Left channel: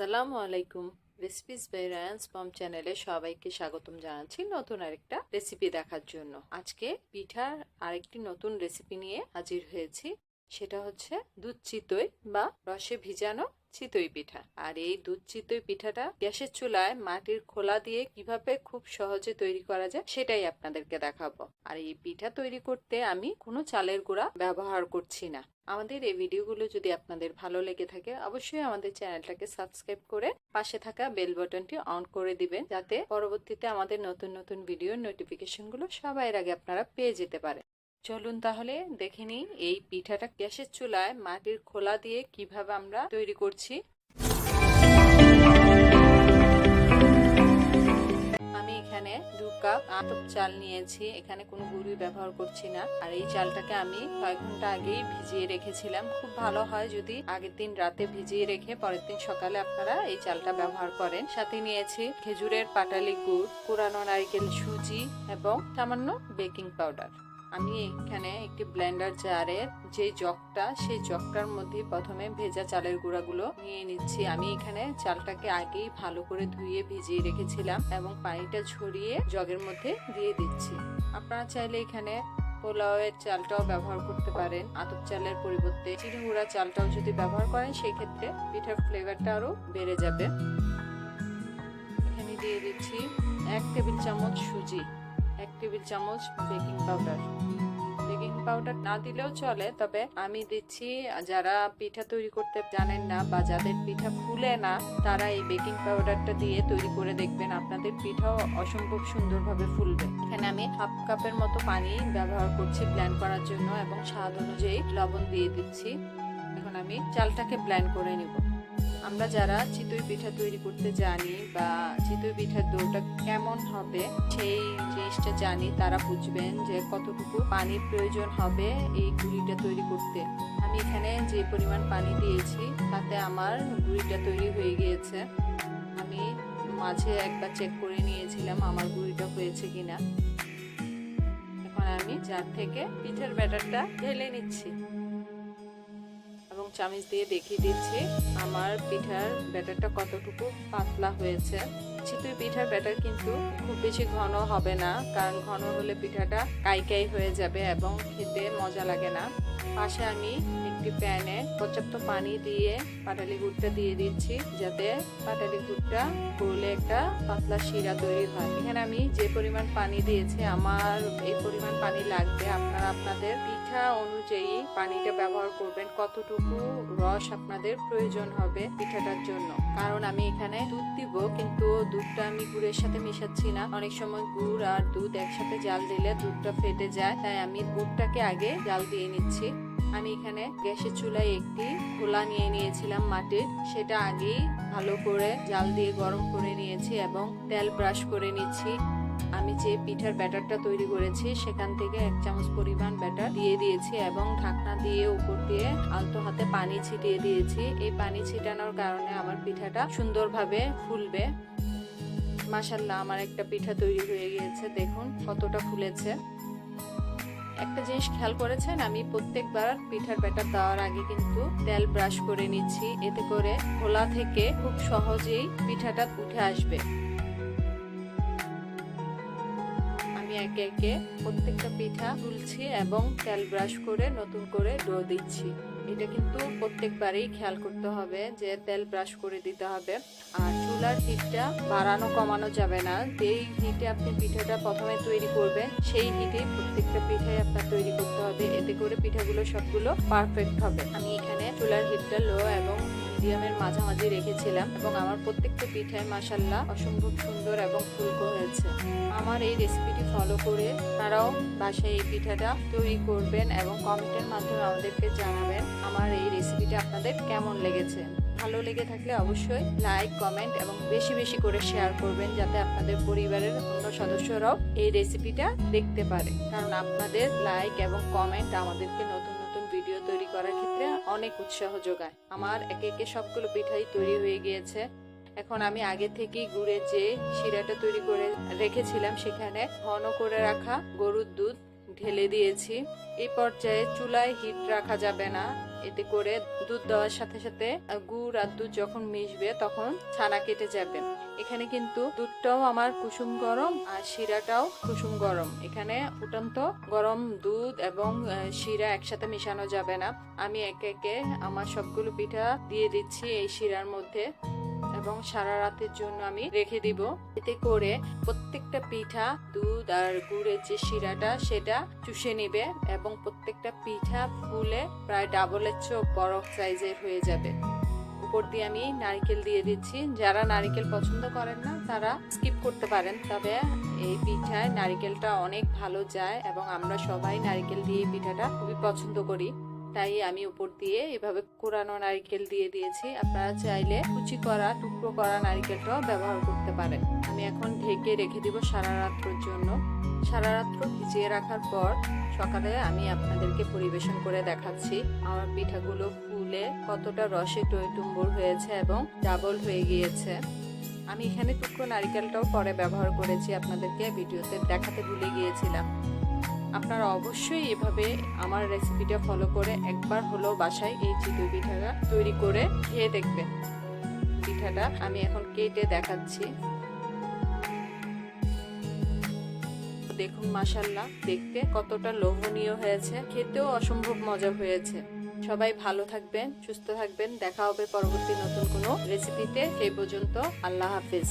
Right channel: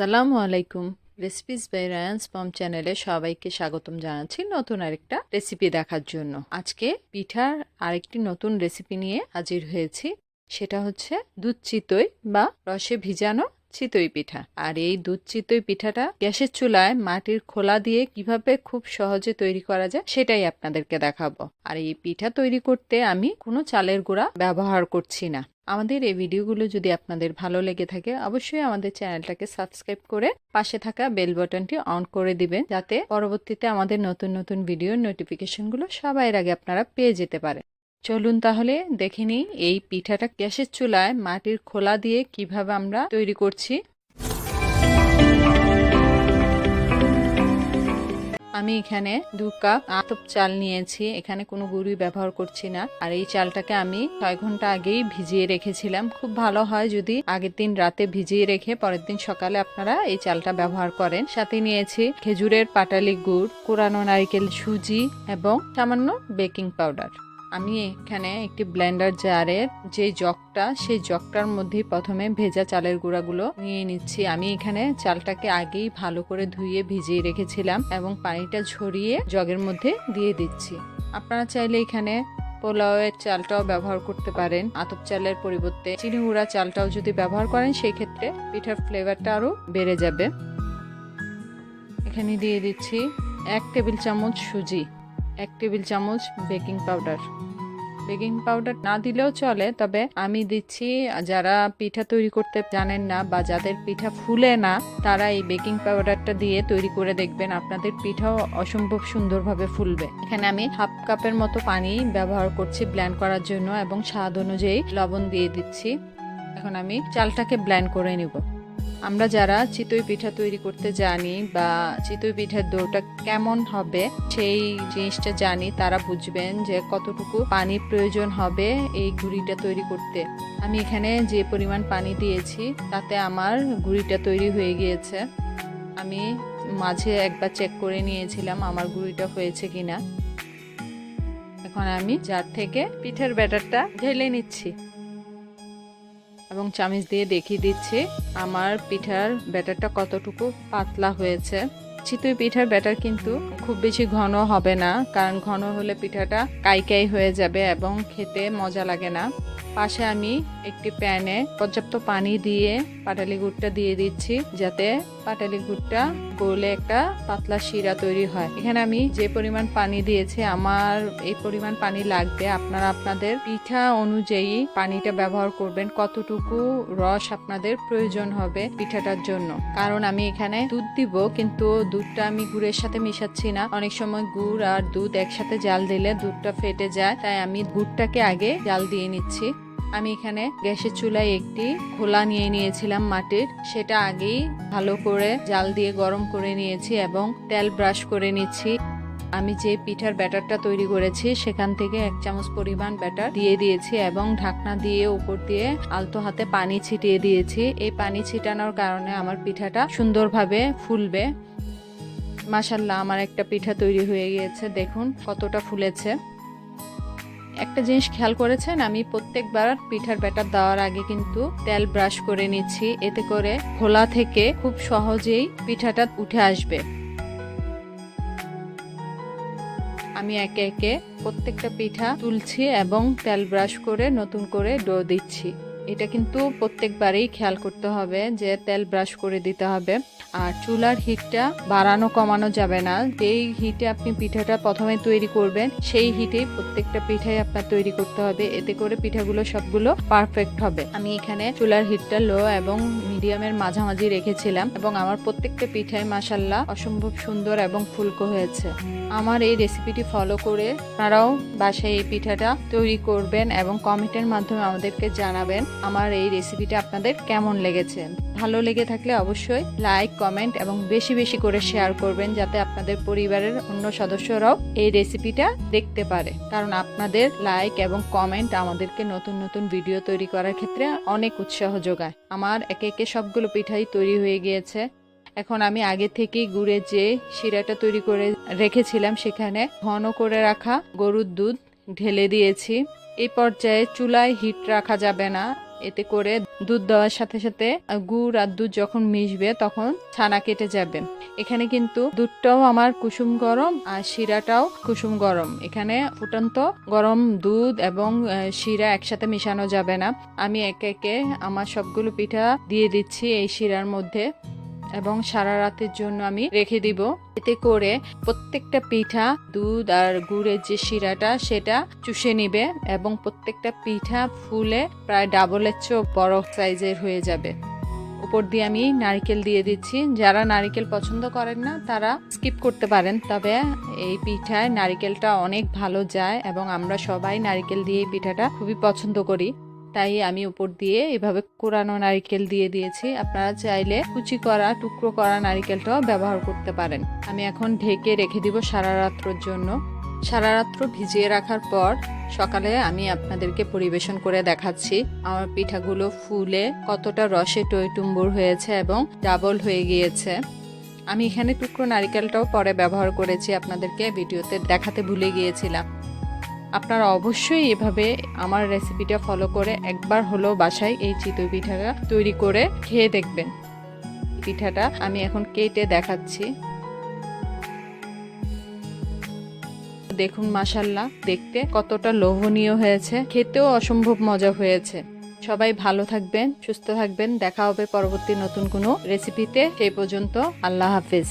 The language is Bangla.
আসসালামু আলাইকুম। রেসিপিস বাই রায়ান্স পম চ্যানেলে সবাইকে স্বাগতম জানাচ্ছি নতুন আরেকটা রেসিপি দেখার জন্য। আজকে পিঠার আরেকটি নতুন রেসিপি নিয়ে হাজির হয়েছি। সেটা হচ্ছে দুধ চিতই বা রসে ভিজানো চিতই পিঠা। আর এই দুধ চিতই পিঠাটা গ্যাসের চুলায় মাটির খোলা দিয়ে কিভাবে খুব সহজে তৈরি করা যায় সেটাই আপনাদেরকে দেখাবো। আর এই পিঠা তৈরি করতে আমি কোনো চালের গুঁড়া ব্যবহার করছি না। আমাদের এই ভিডিওগুলো যদি আপনাদের ভালো লেগে থাকে অবশ্যই আমাদের চ্যানেলটাকে সাবস্ক্রাইব করে পাশে থাকা বেল বাটনটি অন করে দিবেন, যাতে পরবর্তীতে আমাদের নতুন নতুন ভিডিওর নোটিফিকেশনগুলো সবার আগে আপনারা পেয়ে যেতে পারেন। চলুন তাহলে দেখে নিই এই পিঠাটা গ্যাসের চুলায় মাটির খোলা দিয়ে কিভাবে আমরা তৈরি করছি। আমি এখানে 2 কাপ আতপ চাল নিয়েছি, এখানে কোনো গুঁড়ি ব্যবহার করছি না। আর এই চালটাকে আমি 6 ঘন্টা আগেই ভিজিয়ে রেখেছিলাম। খুব ভালো হয় যদি আগের দিন রাতে ভিজিয়ে রেখে পরের দিন সকালে আপনারা এই চালটা ব্যবহার করেন। সাথে নিয়েছি খেজুরের পাটালি গুড়, কোরানো নারকেল, সুজি এবং সামান্য বেকিং পাউডার। আমি এখানে একটি ব্লেন্ডার জারের যে জগটা, সেই জগটার মধ্যে প্রথমে ভেজা চালের গুঁড়াগুলো নিয়ে নিচ্ছি। আমি এখানে চালটাকে আগেই ভালো করে ধুয়ে ভিজিয়ে রেখেছিলাম এবং পানিটা ঝরিয়ে জগের মধ্যে দিয়ে দিচ্ছি। আপনারা চাইলে এখানে পোলাওয়ের চালটাও ব্যবহার করতে পারেন। আতপ চালের পরিবর্তে চিনি গুঁড়া চালটাও যদি ব্যবহার করেন সেই ক্ষেত্রে পিঠার ফ্লেভারটা আরো বেড়ে যাবে। এখানে দিয়ে দিচ্ছি 1 টেবিল চামচ সুজি, 1 টেবিল চামচ বেকিং পাউডার। বেকিং পাউডার না দিলেও চলে, তবে আমি দিচ্ছি যারা পিঠা তৈরি করতে জানেন না বা যাদের পিঠা ফুলে না তারা এই বেকিং পাউডারটা দিয়ে তৈরি করে দেখবেন, আপনাদের পিঠাও অসম্ভব সুন্দরভাবে ফুলবে। এখানে আমি 1/2 কাপের মতো পানি ব্যবহার করছি ব্লেন্ড করার জন্য এবং স্বাদ অনুযায়ী লবণ দিয়ে দিচ্ছি। এখন আমি চালটাকে ব্লেন্ড করে নিব। আমরা যারা চিতই পিঠা তৈরি করতে জানি বা চিতই পিঠার ডোটা কেমন হবে সেই জিনিসটা জানি, তারা বুঝবেন যে কতটুকু পানির প্রয়োজন হবে এই গুঁড়িটা তৈরি করতে। আমি এখানে যে পরিমাণ পানি দিয়েছি তাতে আমার গুঁড়িটা তৈরি হয়ে গিয়েছে। আমি মাঝে একবার চেক করে নিয়েছিলাম আমার গুঁড়িটা হয়েছে কিনা। এখন আমি জার থেকে পিঠার ব্যাটারটা ঢেলে নিচ্ছি এবং চামচ দিয়ে দেখিয়ে দিচ্ছি আমার পিঠার ব্যাটারটা কতটুকু পাতলা হয়েছে। চিতই পিঠার ব্যাটার কিন্তু খুব বেশি ঘন হবে না, কারণ ঘন হলে পিঠাটা কাই হয়ে যাবে এবং খেতে মজা লাগে না। পাশে আমি একটি প্যানে পর্যাপ্ত পানি দিয়ে পাটালি গুড়টা দিয়ে দিচ্ছি, যাতে পাটালি গুড়টা গলে একটা পাতলা শিরা তৈরি হয়। এখানে আমি যে পরিমাণ পানি দিয়েছি আমার এই পরিমাণ পানি লাগবে। আপনারা আপনাদের পিঠা অনুযায়ী পানিটা ব্যবহার করবেন, কতটুকু রস আপনাদের প্রয়োজন হবে পিঠাটার জন্য। কারণ আমি এখানে দুধ দিব, কিন্তু দুধটা আমি গুড়ের সাথে মিশাচ্ছি না। অনেক সময় গুড় আর দুধ একসাথে জাল দিলে দুধটা ফেটে যায়, তাই আমি গুড়টাকে আগে জাল দিয়ে নিচ্ছি। আমি এখানে গ্যাসের চুলায় একটি খোলা নিয়ে নিয়েছিলাম মাটির, সেটা আগেই ভালো করে জাল দিয়ে গরম করে নিয়েছি এবং তেল ব্রাশ করে নিচ্ছি। আমি যে পিঠার ব্যাটারটা তৈরি করেছি সেখান থেকে 1 চামচ পরিমাণ ব্যাটার দিয়ে দিয়েছি এবং ঢাকনা দিয়ে উপর দিয়ে আলতো হাতে পানি ছিটিয়ে দিয়েছি। এই পানি ছিটানোর কারণে আমার পিঠাটা সুন্দরভাবে ফুলবে। মাশাআল্লাহ, আমার একটা পিঠা তৈরি হয়ে গিয়েছে, দেখুন কতটা ফুলেছে। একটা জিনিস খেয়াল করেছেন, আমি প্রত্যেকবার পিঠার ব্যাটার দেওয়ার আগে কিন্তু তেল ব্রাশ করে নিচ্ছি, এতে করে খোলা থেকে খুব সহজেই পিঠাটা উঠে আসবে। আমি একে একে প্রত্যেকটা পিঠা তুলছি এবং তেল ব্রাশ করে নতুন করে ডো দিচ্ছি। এটা কিন্তু প্রত্যেকবারেই খেয়াল করতে হবে যে তেল ব্রাশ করে দিতে হবে। আর চুলার হিটটা বাড়ানো কমানো যাবে না। যেই হিটে আপনি পিঠাটা প্রথমে তৈরি করবেন সেই হিটেই প্রত্যেকটা পিঠাই আপনার তৈরি করতে হবে, এতে করে পিঠাগুলো সবগুলো পারফেক্ট হবে। আমি এখানে চুলার হিটটা লো এবং মিডিয়ামের মাঝামাঝি রেখেছিলাম এবং আমার প্রত্যেকটা পিঠাই মাশাআল্লাহ অসম্ভব সুন্দর এবং ফুলকো হয়েছে। আমার এই রেসিপিটি ফলো করে আপনারাও বাসায় এই পিঠাটা তৈরি করবেন এবং কমেন্টের মাধ্যমে আমাদেরকে জানাবেন আমার এই রেসিপিটা আপনাদের কেমন লেগেছে। ভালো লেগে থাকলে অবশ্যই লাইক, কমেন্ট এবং বেশি বেশি করে শেয়ার করবেন, যাতে আপনাদের পরিবারের অন্য সদস্যরাও এই রেসিপিটা দেখতে পারে। কারণ আপনাদের লাইক এবং কমেন্ট আমাদেরকে নতুন নতুন ভিডিও তৈরি করার ক্ষেত্রে অনেক উৎসাহ যোগায়। আমার একে একে সবগুলো পিঠাই তৈরি হয়ে গিয়েছে। এখন আমি আগে থেকেই গুড়ের যে শিরাটা তৈরি করে রেখেছিলাম সেখানে ঘন করে রাখা গরুর দুধ ঢেলে দিয়েছি। এই পর্যায়ে চুলায় হিট রাখা যাবে না, এতে করে দুধ দেওয়ার সাথে সাথে গুড় আর দুধ যখন মিশবে তখন ছানা কেটে যাবে। এখানে কিন্তু দুধটাও আমার কুসুম গরম আর শিরাটাও কুসুম গরম। এখানে ফুটন্ত গরম দুধ এবং শিরা একসাথে মিশানো যাবে না। আমি একে একে আমার সবগুলো পিঠা দিয়ে দিচ্ছি এই শিরার মধ্যে এবং সারা রাতের জন্য আমি রেখে দিব। এতে করে প্রত্যেকটা পিঠা দুধ আর গুড়ের যে শিরাটা সেটা চুষে নিবে এবং প্রত্যেকটা পিঠা ফুলে প্রায় ডাবলের চেয়েও বড় সাইজের হয়ে যাবে। উপর দিয়ে আমি নারকেল দিয়ে দিচ্ছি। যারা নারকেল পছন্দ করেন না তারা স্কিপ করতে পারেন, তবে এই পিঠায় নারকেলটা অনেক ভালো যায় এবং আমরা সবাই নারকেল দিয়ে এই পিঠাটা খুবই পছন্দ করি। তাই আমি উপর দিয়ে এভাবে কোরানো নারকেল দিয়ে দিয়েছি। আপনারা চাইলে কুচি করা টুকরো করা নারকেলটাও ব্যবহার করতে পারেন। আমি এখন ঢেকে রেখে দিব সারা রাত্রের জন্য। সারা রাত্র ভিজিয়ে রাখার পর সকালে আমি আপনাদেরকে পরিবেশন করে দেখাচ্ছি আমার পিঠাগুলো ফুলে কতটা রসে টইটুম্বুর হয়েছে এবং ডাবল হয়ে গিয়েছে। আমি এখানে টুকরো নারকেলটাও পরে ব্যবহার করেছি, আপনাদেরকে ভিডিওতে দেখাতে ভুলে গিয়েছিলাম। আপনারা অবশ্যই এভাবে আমার রেসিপিটা ফলো করে একবার হলেও বাসায় এই চিতই পিঠাটা তৈরি করে খেয়ে দেখবেন। পিঠাটা আমি এখন কেটে দেখাচ্ছি। দেখুন মাশাআল্লাহ, দেখতে কতটা লোভনীয় হয়েছে, খেতেও অসম্ভব মজা হয়েছে। সবাই ভালো থাকবেন, সুস্থ থাকবেন। দেখা হবে পরবর্তী নতুন কোনো রেসিপিতে। সেই পর্যন্ত আল্লাহ হাফেজ।